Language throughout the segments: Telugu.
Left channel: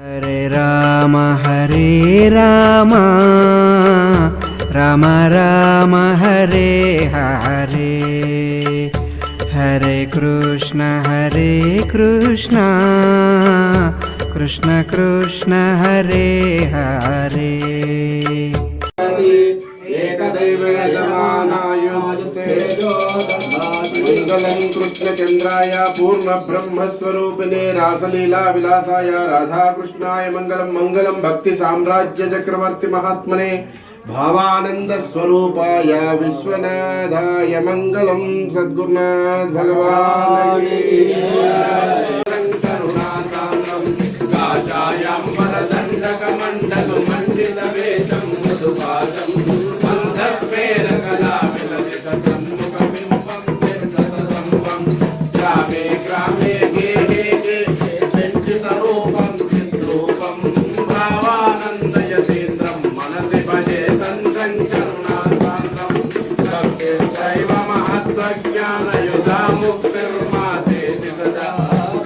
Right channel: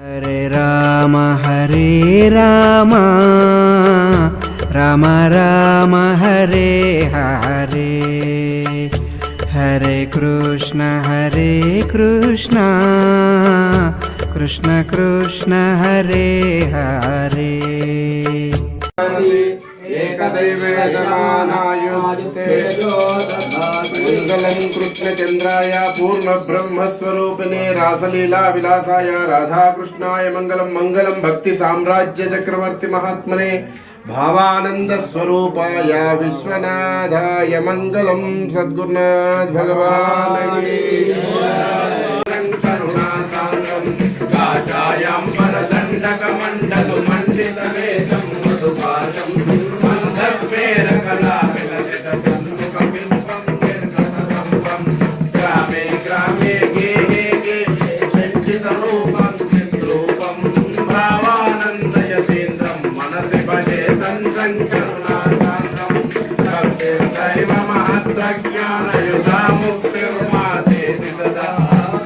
హరే రామ రామ రామ హరే హరే, హరే కృష్ణ కృష్ణ కృష్ణ హరే హరే. మంగళం కృష్ణచంద్రాయ పూర్ణ బ్రహ్మస్వరూపిణే రాసలీలా విలాసాయ రాధాకృష్ణాయ మంగళం. మంగళం భక్తి సామ్రాజ్య చక్రవర్తి మహాత్మనే భావానంద స్వరూపాయ విశ్వనాథాయ మంగళం. సద్గురునాథ్ భగవాన్ కాషాయాంబరదండకమండలు మండిత వేషం మృదుపాశం మందస్మేర కళా విలసిత సన్ముఖ బింబం నిర్గతం గ్రామే గ్రామే గేహే గేహే సంచిత రూపం చిద్రూపం భావానందయతేంద్రం మనసి భజే సంకరుణాసాంద్రం భక్తే దైవ మహత్వజ్ఞానయుధా ముక్తిర్మాసేతి సదా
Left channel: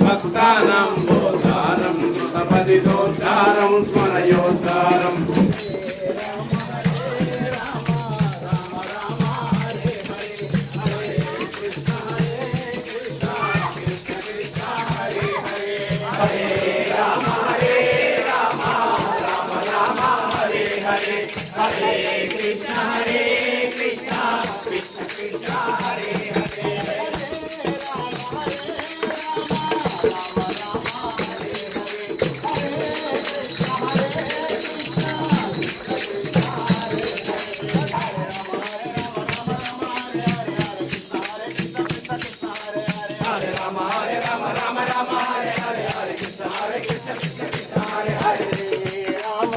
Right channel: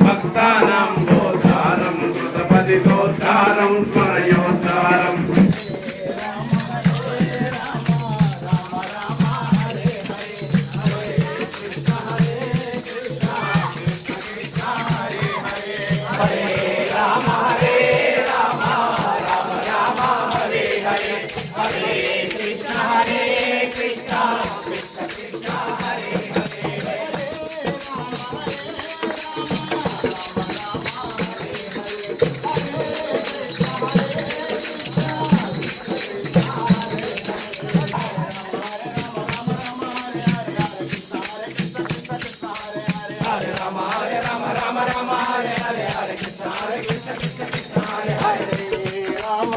భక్తానాం బోధారం కృతపదితోద్ధారం స్మరయోద్ధారం. Krishna Krishna Hare Hare, Hare Rama Rama Hare Hare, Hare Krishna Hare Hare, Rama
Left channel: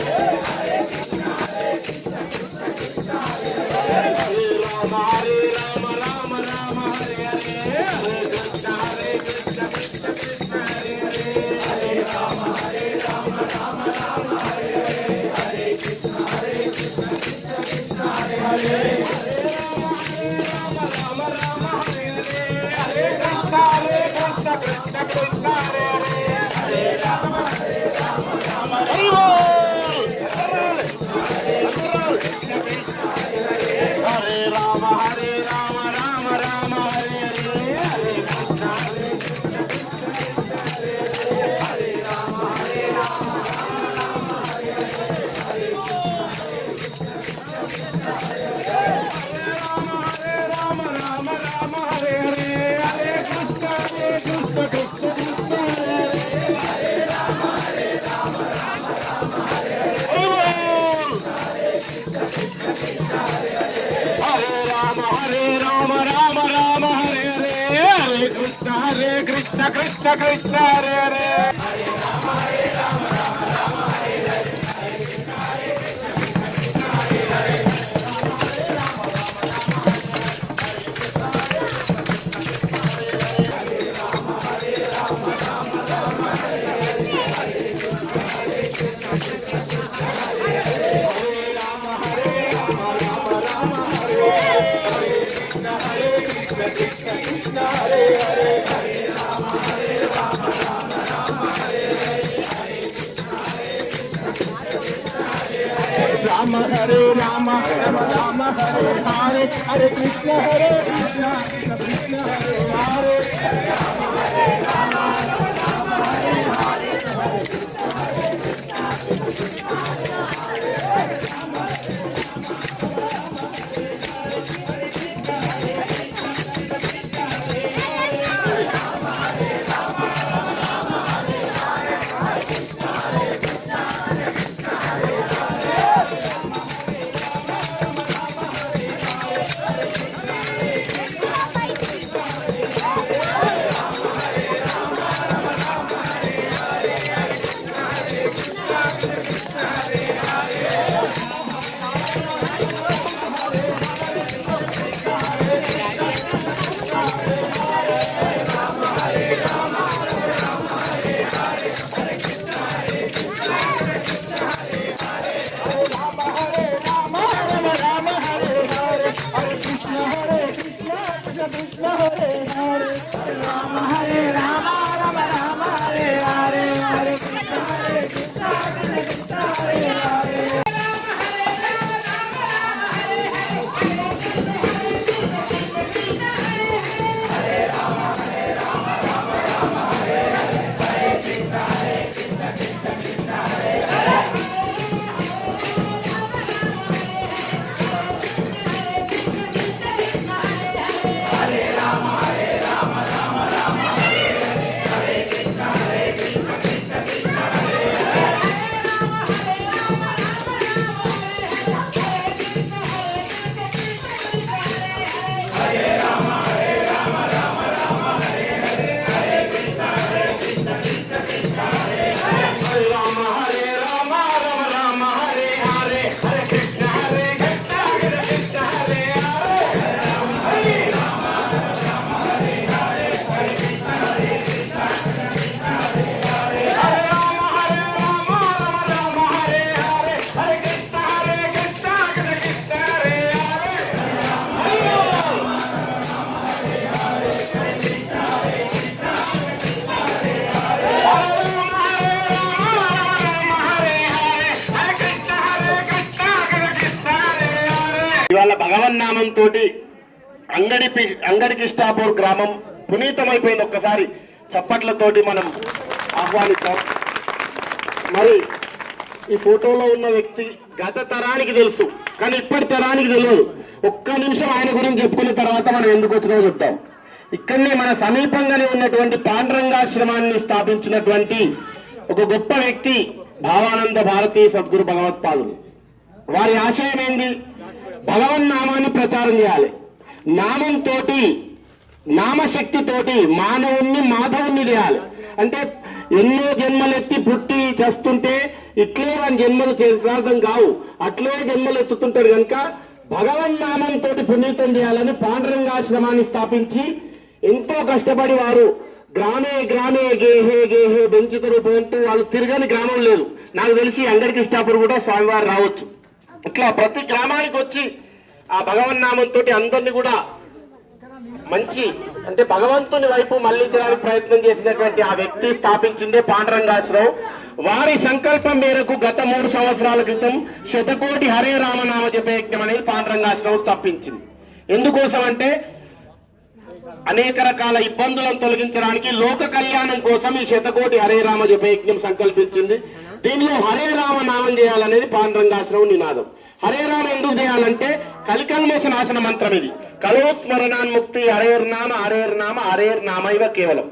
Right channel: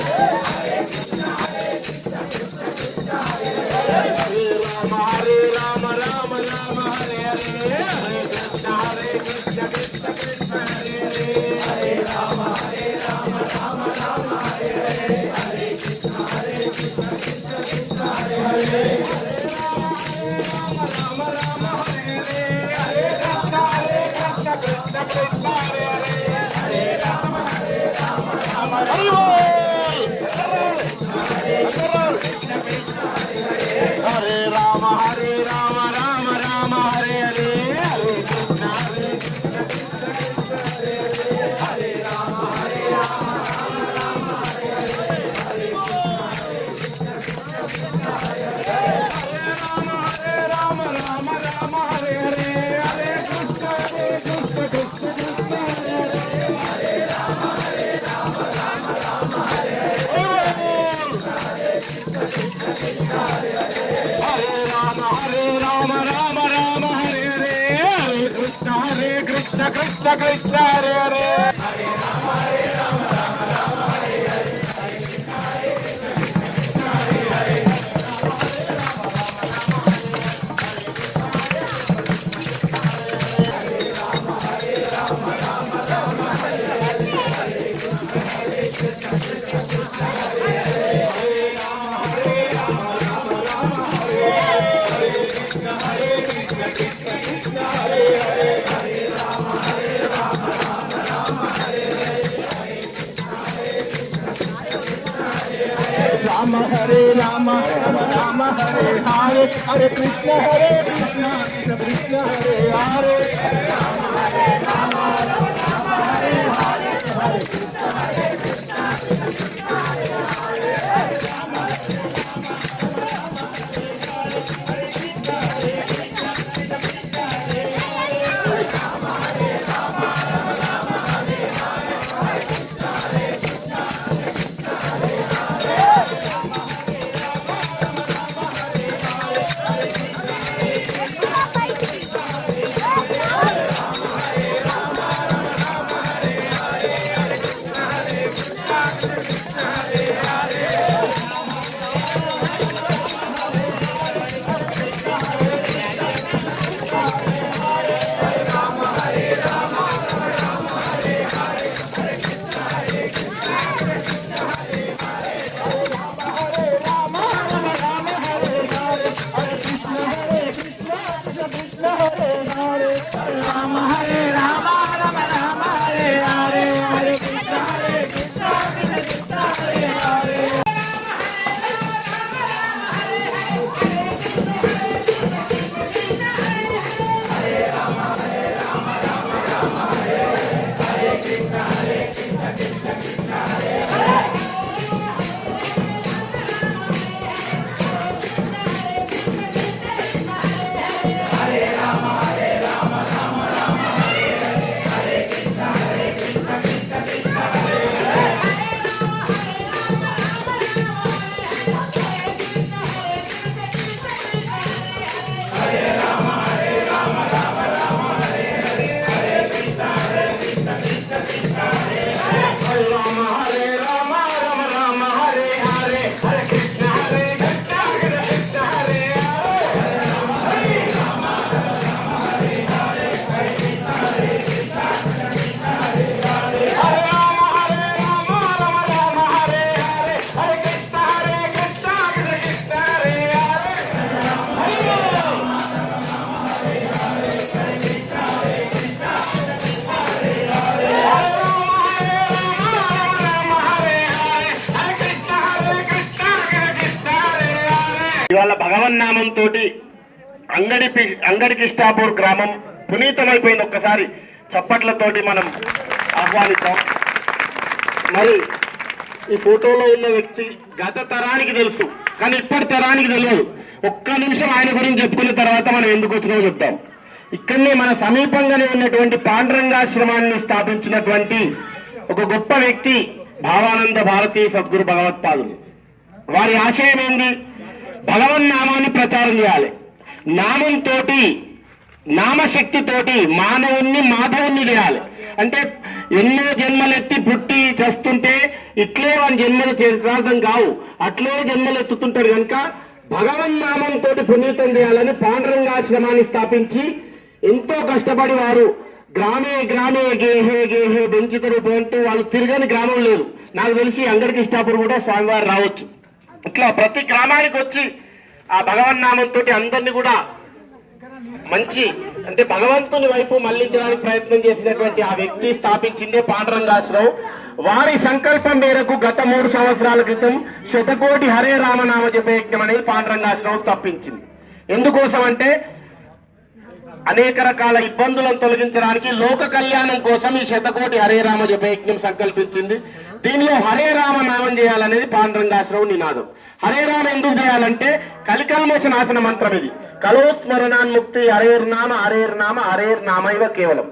Hare Rama, Rama Rama Hare Hare, Hare Krishna Krishna Krishna Hare Hare, Hare Rama Hare Rama, Rama Rama Hare Hare, Hare Krishna Krishna Krishna Hare Hare, Hare Rama Hare Rama, Rama Rama Hare భగవన్నామంతో అంగడికిష్టాపూర్ గ్రామం పునీతమైపోయింది. ఒక్కసారి చప్పట్లతోటి మనం ఆహ్వానిస్తాం. మరి ఈ ఫోటోలో ఉన్న వ్యక్తి గత తరానికి తెలుసు, కానీ ఇప్పటి తరానికి తెలియదు. ఒక్క నిమిషం ఆయన గురించి చెప్పుకున్న తర్వాత మనం ఎందుకు వచ్చినామో చెప్తాం. ఇక్కడనే మన సమీపంగానే ఉన్నటువంటి పాండురంగాశ్రమాన్ని స్థాపించినటువంటి ఒక గొప్ప వ్యక్తి భావానంద భారతీ సద్గురు భగవత్పాదులు. వారి ఆశయం ఏంది? భగవన్నామాన్ని ప్రచారం చేయాలి. నామంతో, నామశక్తితోటి మానవుణ్ణి మాధవుణ్ణి చేయాలి. అంటే ఎన్నో జన్మలెత్తి పుట్టి చేస్తుంటే ఇట్లే మన జన్మలు చరితార్థం కావు, అట్లే జన్మలు ఎత్తుతుంటారు. కనుక భగవన్నామంతో పునీతం చేయాలని పాండురంగాశ్రమాన్ని స్థాపించి ఎంతో కష్టపడి వారు గ్రామే గ్రామే గేహే గేహే బెంచిత రూపం అంటూ వాళ్ళు తిరగని గ్రామం లేదు. నాకు తెలిసి అంగడికిష్టాపూర్ కూడా స్వామివారు రావచ్చు. ఇట్లా ప్రతి గ్రామానికి వచ్చి ఆ భగవన్నామంతో అందరినీ కూడా మంచి అంటే భగవంతుని వైపు మళ్లించడానికి ప్రయత్నం చేసినటువంటి ఆ వ్యక్తి స్థాపించిందే పాండురంగాశ్రమం. వారి సంకల్పం మేరకు గత 3 సంవత్సరాల క్రితం శతకోటి హరే రామనామ జపయజ్ఞం అనేది పాండురంగాశ్రమం స్థాపించింది. ఎందుకోసం అంటే అనేక రకాల ఇబ్బందులను తొలగించడానికి, లోక కళ్యాణం కోసం ఈ శతకోటి హరే రామ జపయజ్ఞం సంకల్పించింది. దీనిలో హరే రామ నామం చేయాలనేది పాండురంగాశ్రమం నినాదం. హరే రామ ఎందుకు చేయాలంటే కలికల్మష నాశన మంత్రం ఇది. కలో స్మరణాన్ముక్తి హరేర్నామ హరేర్నామ హరేర్నామ ఇవ కేవలం.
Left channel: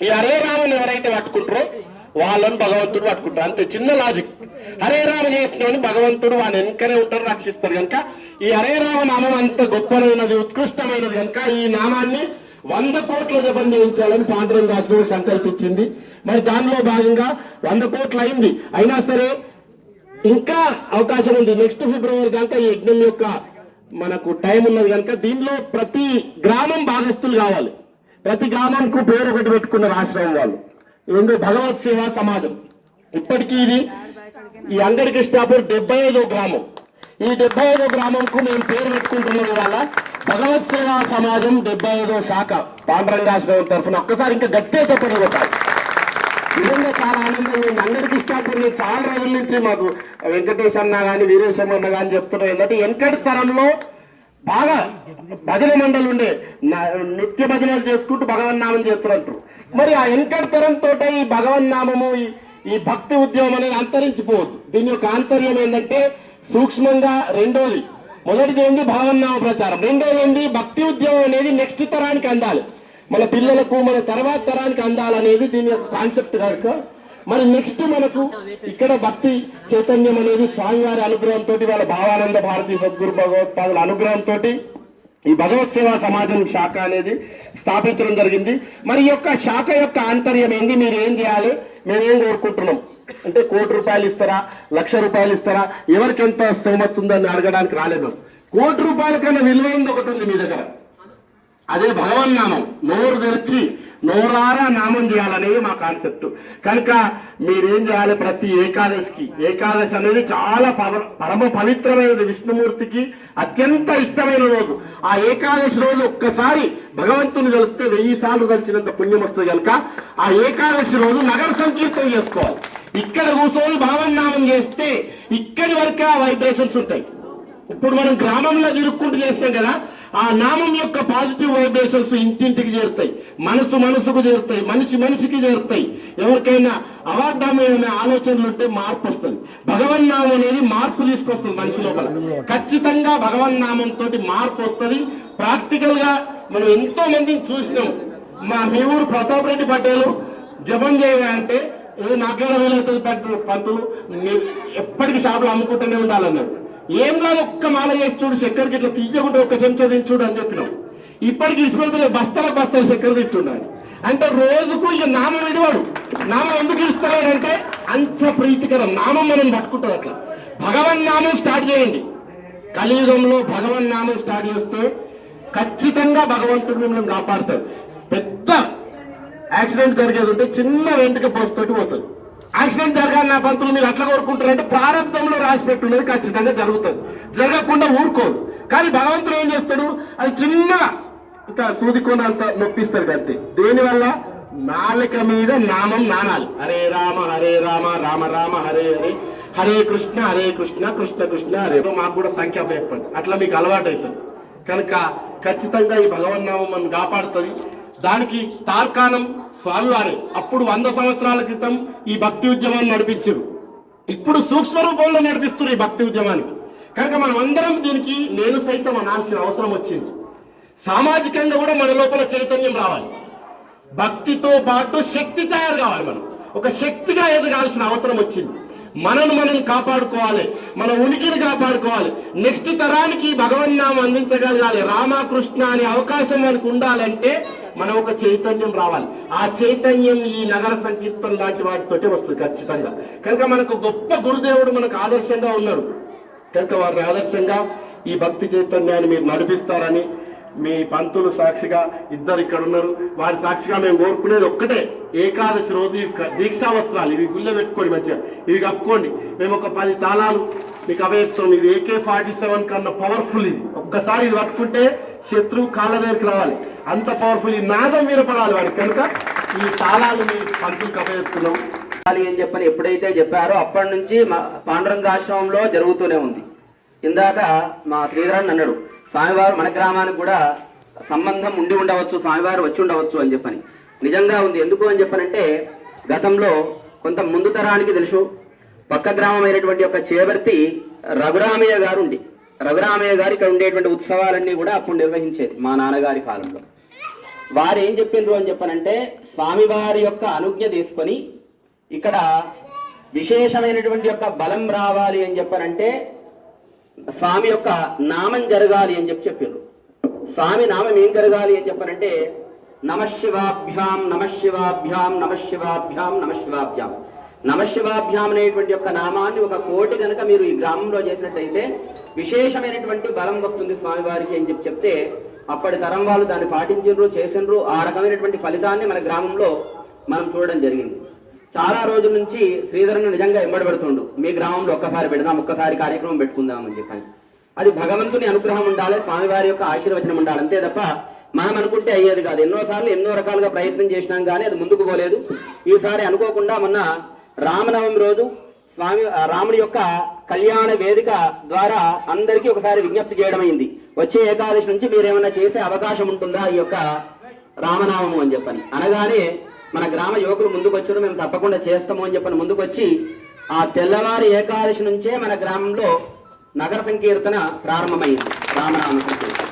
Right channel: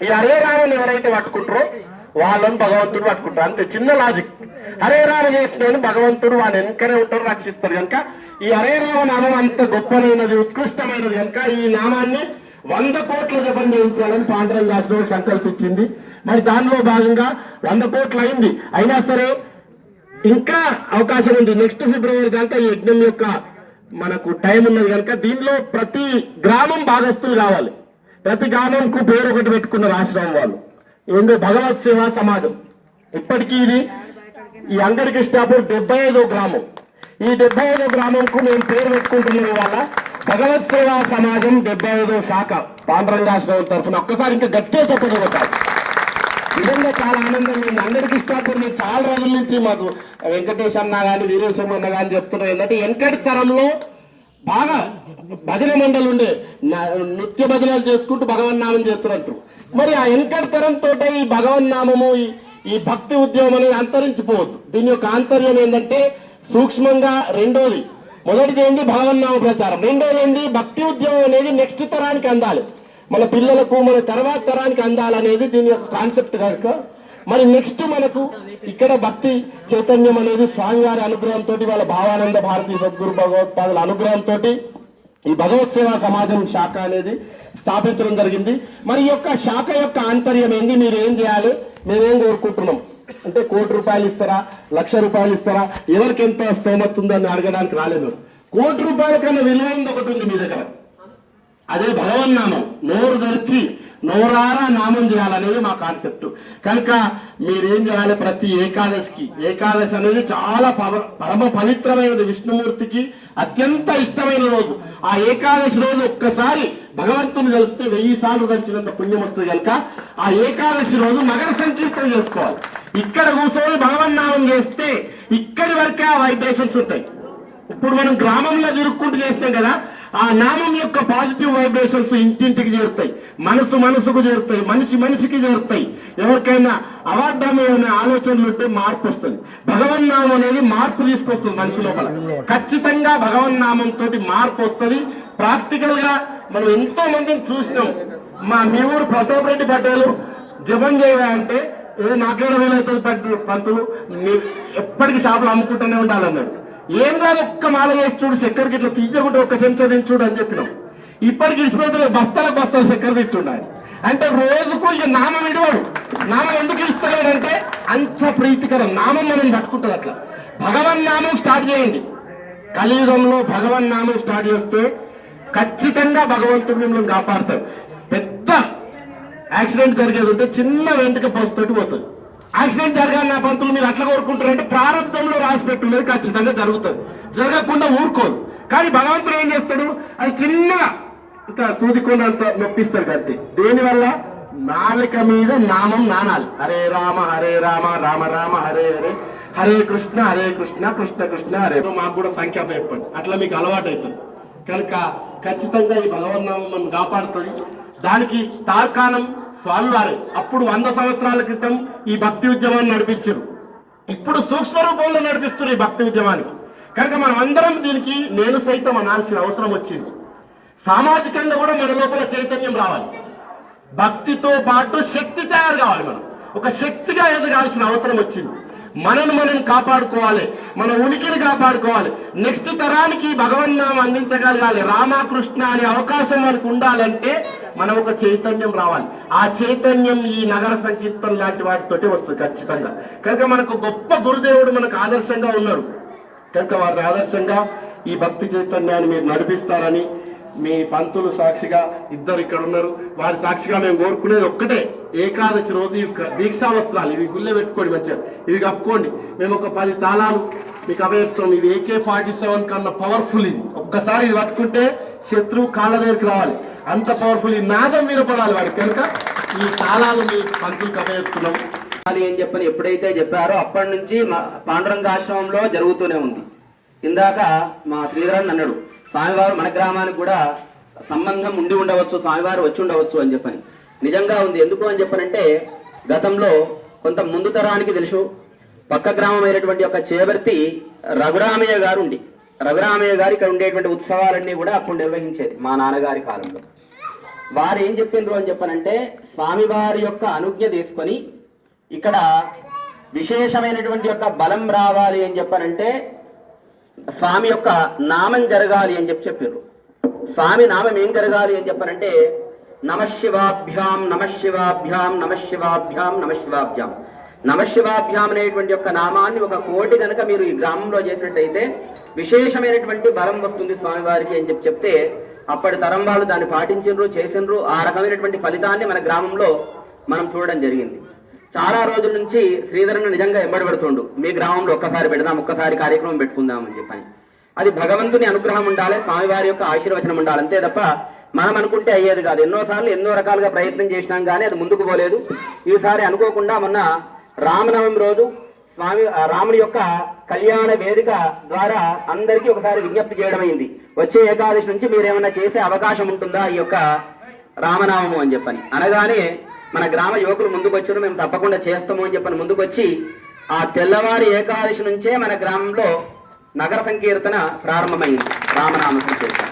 ఈ హరే రామని ఎవరైతే పట్టుకుంటారో వాళ్ళని భగవంతుడు పట్టుకుంటారు. అంతే, చిన్న లాజిక్. హరే రామ చేసిన భగవంతుడు వాని వెనకనే ఉంటారు, రక్షిస్తారు. కనుక ఈ హరే రామ నామం అంత గొప్పనైనది, ఉత్కృష్టమైనది. కనుక ఈ నామాన్ని 100 కోట్ల జపం చేయించాలని పాండురంగాశ్రమం సంకల్పించింది. మరి దానిలో భాగంగా 100 కోట్లు అయింది. అయినా సరే ఇంకా అవకాశం ఉంది. నెక్స్ట్ ఫిబ్రవరి దాకా ఈ యజ్ఞం యొక్క మనకు టైం ఉన్నది. కనుక దీనిలో ప్రతి గ్రామం భాగస్తులు కావాలి. ప్రతి గ్రామంకు పేరు ఒకటి పెట్టుకున్న ఆశ్రమం వాళ్ళు ఏందో భగవత్ సేవా సమాజం. ఇప్పటికీ ఇది ఈ అంగడికిష్టాపూర్ 75వ గ్రామం. ఈ 75వ గ్రామంకు మేము పేరు పెట్టుకుంటున్నాం వల్ల భగవత్ సేవా సమాజం 75వ శాఖ పాండురంగాశ్రమం తరఫున ఒక్కసారి ఇంకా గట్టిగా చెప్పగలుగుతారు. నిజంగా చాలా ఆనందంగా ఉంది. అంగడికిష్టాపూర్ నేను చాలా రోజుల నుంచి మాకు వెంకటేష్ అన్న కానీ వీరేశం అన్న కానీ చెప్తున్నాం. ఏంటంటే వెనకటి తరంలో బాగా భజన మండలి ఉండే, నృత్య భజనలు చేసుకుంటూ భగవన్నామం చేస్తున్నట్టు. మరి ఆ వెనకటి తరంతో ఈ భగవన్నామము ఈ భక్తి ఉద్యమం అనేది అంతరించిపోవద్దు. దీని యొక్క ఆంతర్యం ఏంటంటే సూక్ష్మంగా రెండోది, మొదటిది ఏంటి భగవన్నామ ప్రచారం, రెండోది ఏంటి భక్తి ఉద్యమం అనేది నెక్స్ట్ తరానికి అందాలి, మన పిల్లలకు మన తర్వాత తరానికి అందాలనేది దీని యొక్క కాన్సెప్ట్ కనుక మరి నెక్స్ట్ మనకు ఇక్కడ భక్తి చైతన్యం అనేది స్వామివారి అనుగ్రహంతో, వాళ్ళ భావానంద భారతీ సద్గురు భగవత్పాదుల అనుగ్రహంతో ఈ భగవత్ సేవా సమాజం శాఖ అనేది స్థాపించడం జరిగింది. మరి ఈ యొక్క శాఖ యొక్క ఆంతర్యం ఏంది, మీరు ఏం చేయాలి, మేమేం కోరుకుంటున్నాం అంటే 1 కోటి రూపాయలు ఇస్తారా, 1,00,000 రూపాయలు ఇస్తారా, ఎవరికి ఎంత స్తోమత ఉందని అడగడానికి రాలేదు. 1 కోటి రూపాయల కన్నా విలువైంది ఒకటి ఉంది మీ దగ్గర, అదే భగవన్నామం. నోరు తెరిచి నోరారా నామం చేయాలనేది మా కాన్సెప్ట్. కనుక మీరేం చేయాలి, ప్రతి ఏకాదశికి, ఏకాదశి అనేది చాలా పరమ పవిత్రమైనది, విష్ణుమూర్తికి అత్యంత ఇష్టమైన రోజు. ఆ ఏకాదశి రోజు ఒక్కసారి భగవంతుని కలిస్తే 1000 సార్లు తలిచినంత పుణ్యం వస్తుంది. కనుక ఆ ఏకాదశి రోజు నగర సంకీర్తన చేసుకోవాలి. ఇక్కడ కూర్చొని భగవన్నామం చేస్తే ఇక్కడి వరకే ఆ వైబ్రేషన్స్ ఉంటాయి. ఇప్పుడు మనం గ్రామంలో తిరుక్కుంటూ చేస్తాం కదా, ఆ నామం యొక్క పాజిటివ్ వైబ్రేషన్స్ ఇంటింటికి చేరుతాయి, మనసుకు చేరుతాయి, మనిషికి చేరుతాయి. ఎవరికైనా అవార్డమైన ఆలోచనలు ఉంటే మార్పు వస్తుంది. భగవన్నామం అనేది మార్పు తీసుకొస్తుంది మనిషి లోపల. ఖచ్చితంగా భగవన్నామంతో మార్పు వస్తుంది. ప్రాక్టికల్ గా మనం ఎంతో మందిని చూసినాం. మీ ఊరు ప్రతాప్ రెడ్డి పటేలు జపం చేయాలంటే నాకేడ వీలవుతుంది పంతులు, ఎప్పటికీ షాపులు అమ్ముకుంటూనే ఉండాలన్నాడు. ఏం కాదు, ఒక్క మాల చేసి చూడు, చక్కెరకి ఇట్లా తీయకుంటే 1 చెంచా తించుడు అని చెప్పినాం. ఇప్పటికి ఇష్టపడితే బస్తాల చక్కెర తింటున్నాడు. అంటే రోజుకు ఇక నామం విడివాడు. నామం ఎందుకు ఇస్తున్నాడంటే అంత ప్రీతికరం నామం మనం పట్టుకుంటాం. అట్లా భగవన్నామం స్టార్ట్ చేయండి. కలియుగంలో భగవన్నామం స్టార్ట్ చేస్తే ఖచ్చితంగా భగవంతుడు మిమ్మల్ని కాపాడుతాడు. పెద్ద యాక్సిడెంట్ జరిగేది ఉంటే చిన్న వెంటక పోస్తోటి పోతుంది. యాక్సిడెంట్ జరగాలి నా పంతులు మీరు అట్లా కోరుకుంటారంటే ప్రారంభంలో రాసి పెట్టున్నది ఖచ్చితంగా జరుగుతుంది, జరగకుండా ఊరుకోదు. కానీ భగవంతుడు ఏం చేస్తాడు, అది చిన్న ఇంత సూదికొనంత నొప్పిస్తాడు అంతే. దేనివల్ల? నాలుక మీద నామం నానాలి. హరే రామ రామ రామ హరే హరే, హరే కృష్ణ కృష్ణ కృష్ణ హరే. మాకు కూడా సంఖ్య చెప్పండి, అట్లా మీకు అలవాటు అవుతుంది. కనుక ఖచ్చితంగా ఈ భగవన్నామం మనం కాపాడుతుంది. దానికి తార్కాణం స్వామివారు అప్పుడు 100 సంవత్సరాల క్రితం ఈ భక్తి ఉద్యమాన్ని నడిపించారు. ఇప్పుడు సూక్ష్మ రూపంలో నడిపిస్తున్నారు ఈ భక్తి ఉద్యమానికి. కనుక మనం అందరం దీనికి నేను సైతం అనాల్సిన అవసరం వచ్చింది. సామాజికంగా కూడా మన లోపల చైతన్యం రావాలి. భక్తితో పాటు శక్తి తయారు కావాలి. మనం ఒక శక్తిగా ఎదగాల్సిన అవసరం వచ్చింది. మనను మనం కాపాడుకోవాలి, మన ఉనికిని కాపాడుకోవాలి. నెక్స్ట్ తరానికి భగవన్నామం అందించగలగాలి. రామకృష్ణ అనే అవకాశం మనకు ఉండాలంటే మనం ఒక చైతన్యం రావాలి. ఆ చైతన్యం ఈ నగర సంకీర్తన లాంటి వాటితోటి వస్తుంది ఖచ్చితంగా. కనుక మనకు గొప్ప గురుదేవుడు మనకు ఆదర్శంగా ఉన్నాడు. కనుక వారిని ఆదర్శంగా ఈ భక్తి చైతన్యాన్ని మీరు నడిపిస్తారని మీ పంతులు సాక్షిగా ఇద్దరు ఇక్కడ ఉన్నారు, వారి సాక్షిగా మేము కోరుకునేది ఒక్కటే, ఏకాదశి రోజు ఇవి దీక్షా వస్త్రాలు ఇవి గుళ్ళె పెట్టుకోండి, మంచిగా ఇవి కప్పుకోండి. మేము ఒక 10 తాళాలు మీకు అవేస్తాం. ఇవి AK-47 కన్నా పవర్ఫుల్. ఇది ఒక్కసారి ఇది పట్టుకుంటే శత్రువు కాళ్ళ దగ్గరికి రావాలి, అంత పవర్ఫుల్. ఈ నాదం వినపడాలి వాడికి. కనుక ఈ తాళాలు మీ పంతులకు అవేస్తున్నాం అని చెప్పని ఎప్పుడైతే చెప్పారో అప్పటి నుంచి పాండురంగాశ్రమంలో జరుగుతూనే ఉంది. ఇందాక మా శ్రీధరన్ అన్నాడు, స్వామివారు మన గ్రామానికి కూడా సంబంధం ఉండి ఉండవచ్చు, స్వామివారు వచ్చి ఉండవచ్చు అని చెప్పని. నిజంగా ఉంది. ఎందుకు అని చెప్పనంటే గతంలో కొంత ముందు తరానికి తెలుసు, పక్క గ్రామం అయినటువంటి ఒక చేవర్తి రఘురామయ్య గారు ఉండి, రఘురామయ్య గారు ఇక్కడ ఉండేటువంటి ఉత్సవాలన్నీ కూడా అప్పుడు నిర్వహించేది మా నాన్నగారి కాలంలో. వారు ఏం చెప్పిండ్రు అని చెప్పనంటే స్వామివారి యొక్క అనుజ్ఞ తీసుకొని ఇక్కడ విశేషమైనటువంటి యొక్క బలం రావాలి అని చెప్పనంటే స్వామి యొక్క నామం జరగాలి అని చెప్పారు. స్వామి నామం ఏం జరగాలి అని చెప్పనంటే నమశివాభ్యాం నమశివాభ్యాం నమశివాభ్యాం నమశివాభ్యాం నమశివాభ్యాం అనేటువంటి యొక్క నామాన్ని 1 కోటి కనుక మీరు ఈ గ్రామంలో చేసినట్టయితే విశేషమైనటువంటి బలం వస్తుంది స్వామివారికి అని చెప్తే అప్పటి తరం వాళ్ళు దాన్ని పాటించిండ్రు, చేసిండ్రు. ఆ రకమైనటువంటి ఫలితాన్ని మన గ్రామంలో మనం చూడడం జరిగింది. చాలా రోజుల నుంచి శ్రీధరన్ నిజంగా ఎంబడబడుతుండు, మీ గ్రామంలో ఒక్కసారి పెడదాం, ఒక్కసారి కార్యక్రమం పెట్టుకుందాం అని చెప్పని. అది భగవంతుని అనుగ్రహం ఉండాలి, స్వామివారి యొక్క ఆశీర్వచనం ఉండాలి, అంతే తప్ప మనం అనుకుంటే అయ్యేది కాదు. ఎన్నోసార్లు ఎన్నో రకాలుగా ప్రయత్నం చేసినాం కానీ అది ముందుకు పోలేదు. ఈసారి అనుకోకుండా మొన్న రామనవమి రోజు రాముడి యొక్క కళ్యాణ వేదిక ద్వారా అందరికీ ఒకసారి విజ్ఞప్తి చేయడమైంది, వచ్చే ఏకాదశి నుంచి మీరేమన్నా చేసే అవకాశం ఉంటుందా ఈ యొక్క రామనామము అని చెప్పని. అనగానే మన గ్రామ యువకులు ముందుకు వచ్చారు, మేము తప్పకుండా చేస్తాము అని చెప్పని ముందుకొచ్చి ఆ తెల్లవారి ఏకాదశి నుంచే మన గ్రామంలో నగర సంకీర్తన ప్రారంభమైంది, రామనామ సంకీర్తన.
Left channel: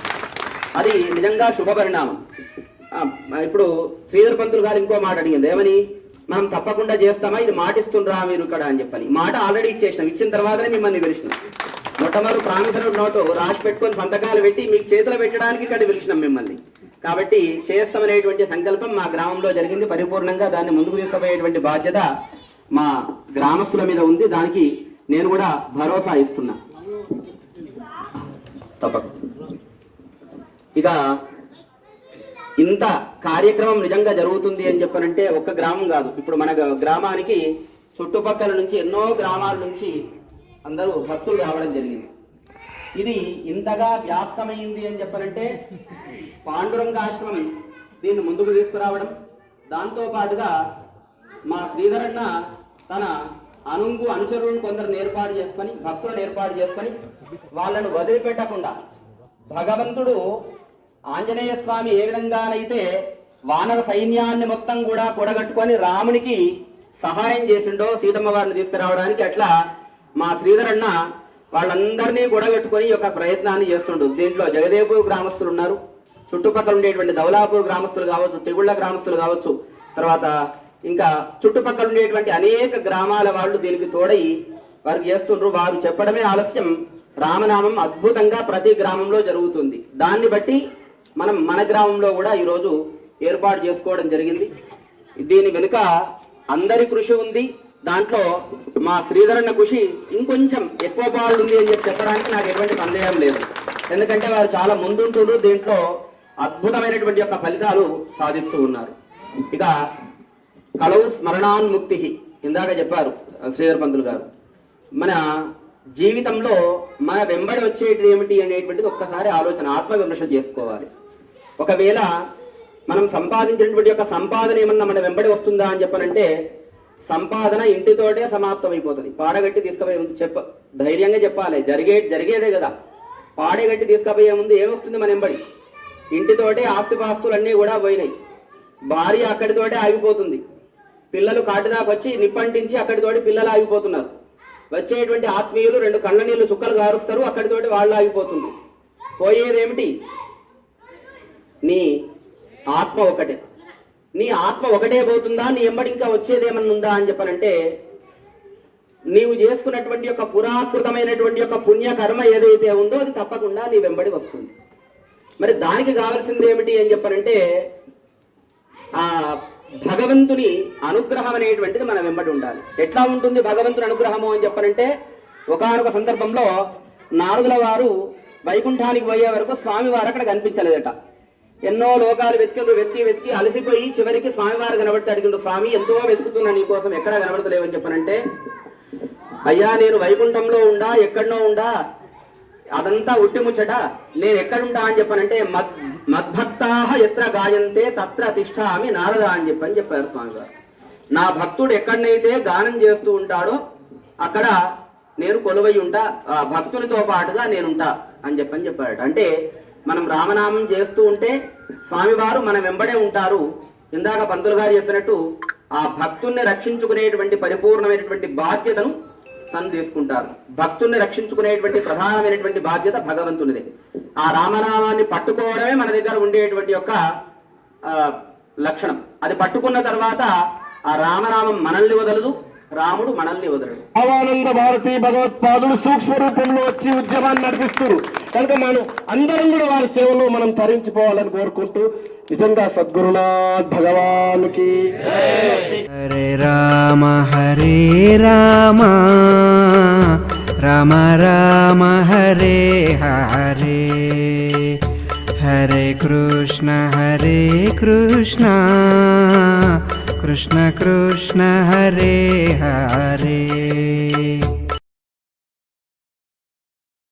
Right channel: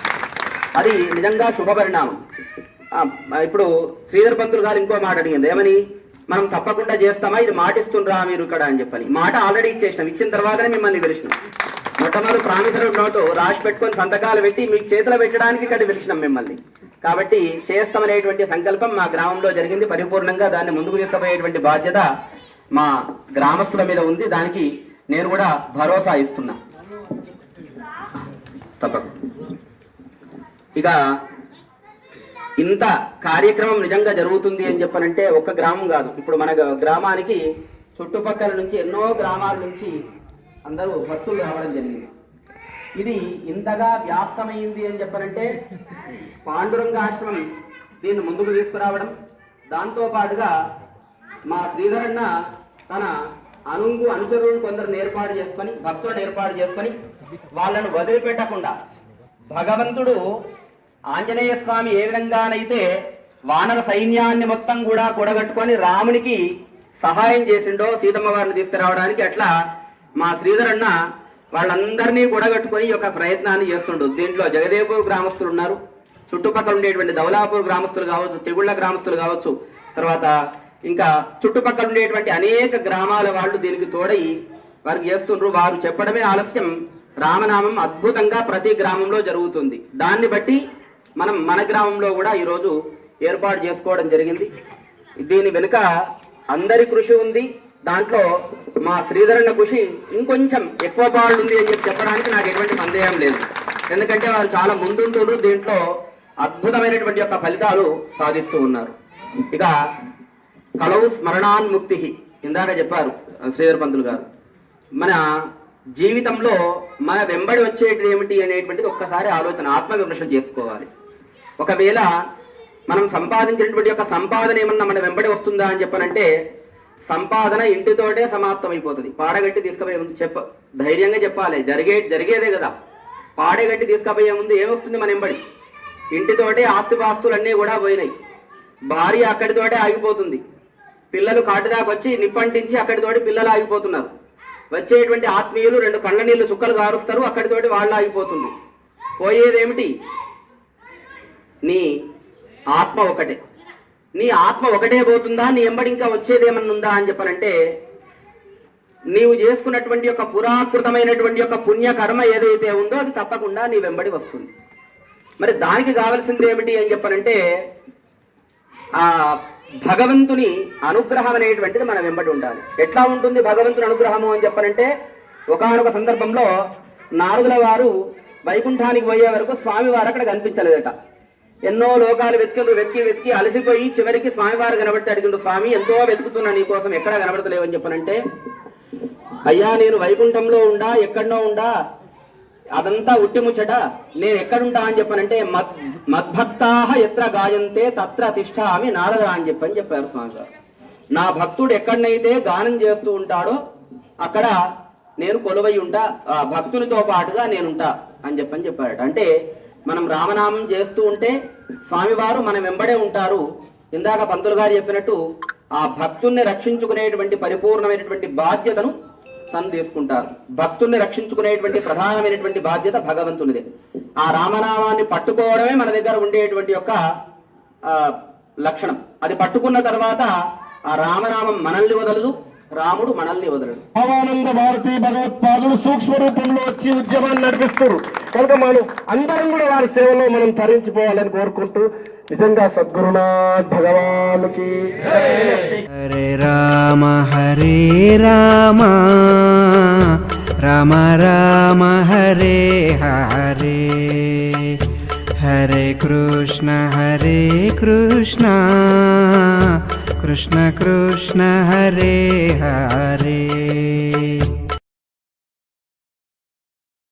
అది నిజంగా శుభ పరిణామం. ఇప్పుడు శ్రీధర్ పంతులు గారు ఇంకో మాట అడిగింది, ఏమని, మనం తప్పకుండా చేస్తామా, ఇది మాటిస్తుండ్రా మీరు ఇక్కడ అని చెప్పని. మాట ఆల్రెడీ ఇచ్చేసినాం, ఇచ్చిన తర్వాతనే మిమ్మల్ని పిలిచినాం. మొట్టమొదటి ప్రామిసరీ నోటు రాసి పెట్టుకొని సంతకాలు పెట్టి మీకు చేతిలో పెట్టడానికి ఇక్కడ పిలిచినాం మిమ్మల్ని. కాబట్టి చేస్తామనేటువంటి సంకల్పం మా గ్రామంలో జరిగింది. పరిపూర్ణంగా దాన్ని ముందుకు తీసుకుపోయేటువంటి బాధ్యత మా గ్రామస్తుల మీద ఉంది. దానికి నేను కూడా భరోసా ఇస్తున్నా. తప్పకుండా ఇక ఇంత కార్యక్రమం నిజంగా జరుగుతుంది అని చెప్పనంటే ఒక్క గ్రామం కాదు, ఇప్పుడు మన గ్రామానికి చుట్టుపక్కల నుంచి ఎన్నో గ్రామాల నుంచి అందరూ భక్తులు రావడం జరిగింది. ఇది ఇంతగా వ్యాప్తమైంది అని చెప్పనంటే పాండురంగాశ్రమం దీన్ని ముందుకు తీసుకురావడం, దాంతో పాటుగా మా శ్రీధరన్న తన అనుచరులను కొందరు ఏర్పాటు చేసుకొని, భక్తులను ఏర్పాటు చేసుకొని వాళ్ళను వదిలిపెట్టకుండా భగవంతుడు ఆంజనేయ స్వామి ఏ విధంగానైతే వానర సైన్యాన్ని మొత్తం కూడా కూడగట్టుకొని రామునికి సహాయం చేసిండో సీతమ్మ వారిని తీసుకురావడానికి, అట్లా మా శ్రీధరన్న వాళ్ళందరినీ కూడగట్టుకొని ఒక ప్రయత్నాన్ని చేస్తుండు. దీంట్లో జగదేపూర్ గ్రామస్తులు ఉన్నారు, చుట్టుపక్కల ఉండేటువంటి దౌలాపూర్ గ్రామస్తులు కావచ్చు, తెగుళ్ళ గ్రామస్తులు కావచ్చు, తర్వాత ఇంకా చుట్టుపక్కల ఉండేటువంటి అనేక గ్రామాల వాళ్ళు దీనికి తోడై వారికి చేస్తుండ్రు. వారు చెప్పడమే ఆలస్యం, రామనామం అద్భుతంగా ప్రతి గ్రామంలో జరుగుతుంది. దాన్ని బట్టి మనం మన గ్రామంలో కూడా ఈరోజు ఏర్పాటు చేసుకోవడం జరిగింది. దీని వెనుక అందరి కృషి ఉంది. దాంట్లో మా శ్రీధరన్న కృషి ఇంకొంచెం ఎక్కువ పాళ్ళు ఉంది అని చెప్పడానికి నాకు ఎటువంటి సందేహం లేదు. ఎందుకంటే వారు చాలా ముందుంటున్నారు, దీంట్లో అద్భుతమైనటువంటి యొక్క ఫలితాలు సాధిస్తూ ఉన్నారు. ఇక కలవు స్మరణాన్ముక్తి ఇందాక చెప్పారు శ్రీధర్ పంతులు గారు. మన జీవితంలో మన వెంబడి వచ్చేది ఏమిటి అనేటువంటిది ఒక్కసారి ఆలోచన ఆత్మవిమర్శ చేసుకోవాలి. ఒకవేళ మనం సంపాదించినటువంటి యొక్క సంపాదన ఏమన్నా మన వెంబడి వస్తుందా అని చెప్పనంటే సంపాదన ఇంటితోటే సమాప్తం అయిపోతుంది. పాడగట్టి తీసుకుపోయి ధైర్యంగా చెప్పాలి, జరిగేదే కదా. పాడేగట్టి తీసుకపోయే ముందు ఏమొస్తుంది మన ఎంబడి? ఇంటితోటి ఆస్తిపాస్తులన్నీ కూడా పోయినాయి, భార్య అక్కడితోటే ఆగిపోతుంది, పిల్లలు కాటిదాకా వచ్చి నిప్పంటించి అక్కడితోటి పిల్లలు ఆగిపోతున్నారు, వచ్చేటువంటి ఆత్మీయులు 2 కళ్ళ నీళ్లు చుక్కలు కారుస్తారు, అక్కడితోటి వాళ్ళు ఆగిపోతుంది. పోయేదేమిటి? నీ ఆత్మ ఒకటే. నీ ఆత్మ ఒకటే పోతుందా? నీ ఎంబడి ఇంకా వచ్చేదేమన్నా ఉందా అని చెప్పనంటే, నీవు చేసుకున్నటువంటి యొక్క పురాకృతమైనటువంటి యొక్క పుణ్యకర్మ ఏదైతే ఉందో అది తప్పకుండా నీ వెంబడి వస్తుంది. మరి దానికి కావలసింది ఏమిటి అని చెప్పనంటే, ఆ భగవంతుని అనుగ్రహం అనేటువంటిది మన వెంబడి ఉండాలి. ఎట్లా ఉంటుంది భగవంతుని అనుగ్రహము అని చెప్పనంటే, ఒకానొక సందర్భంలో నారదుల వారు వైకుంఠానికి పోయే వరకు స్వామివారు అక్కడ కనిపించలేదట. ఎన్నో లోకాలు వెతికి అలసిపోయి చివరికి స్వామివారు కనబడితే అడిగిండు, స్వామి ఎంతో వెతుకుతున్నా నీ కోసం, ఎక్కడా కనబడతలేవని చెప్పనంటే, అయ్యా నేను వైకుంఠంలో ఉండా, ఎక్కడనో ఉండా, అదంతా ఉట్టి ముచ్చట, నేను ఎక్కడుంటా అని చెప్పనంటే, మద్భక్తాహ ఎత్ర గాయంతే తత్ర తిష్టామి నారద అని చెప్పారు స్వామివారు. నా భక్తుడు ఎక్కడనైతే గానం చేస్తూ ఉంటాడో అక్కడ నేను కొలువై ఉంటా, ఆ భక్తునితో పాటుగా నేనుంటా అని చెప్పాడు. అంటే మనం రామనామం చేస్తూ ఉంటే స్వామివారు మన వెంబడే ఉంటారు. ఇందాక పంతులు గారు చెప్పినట్టు ఆ భక్తుల్ని రక్షించుకునేటువంటి పరిపూర్ణమైనటువంటి బాధ్యతను తను తీసుకుంటారు. భక్తుల్ని రక్షించుకునేటువంటి ప్రధానమైనటువంటి బాధ్యత భగవంతునిదే. ఆ రామనామాన్ని పట్టుకోవడమే మన దగ్గర ఉండేటువంటి యొక్క లక్షణం. అది పట్టుకున్న తర్వాత ఆ రామనామం మనల్ని వదలదు, రాముడు మనల్ని వదలడు. భావానంద భారతి భగవత్పాదులు సూక్ష్మ రూపంలో వచ్చి ఉద్యమాన్ని నడిపిస్తారు కనుక మనం అందరం కూడా వారి సేవలో మనం తరించిపోవాలని కోరుకుంటూ, నిజంగా సద్గురునాథ్ భగవానుకి. హరే రామ రామ రామ హరే హరే, హరే కృష్ణ కృష్ణ కృష్ణ హరే హరే.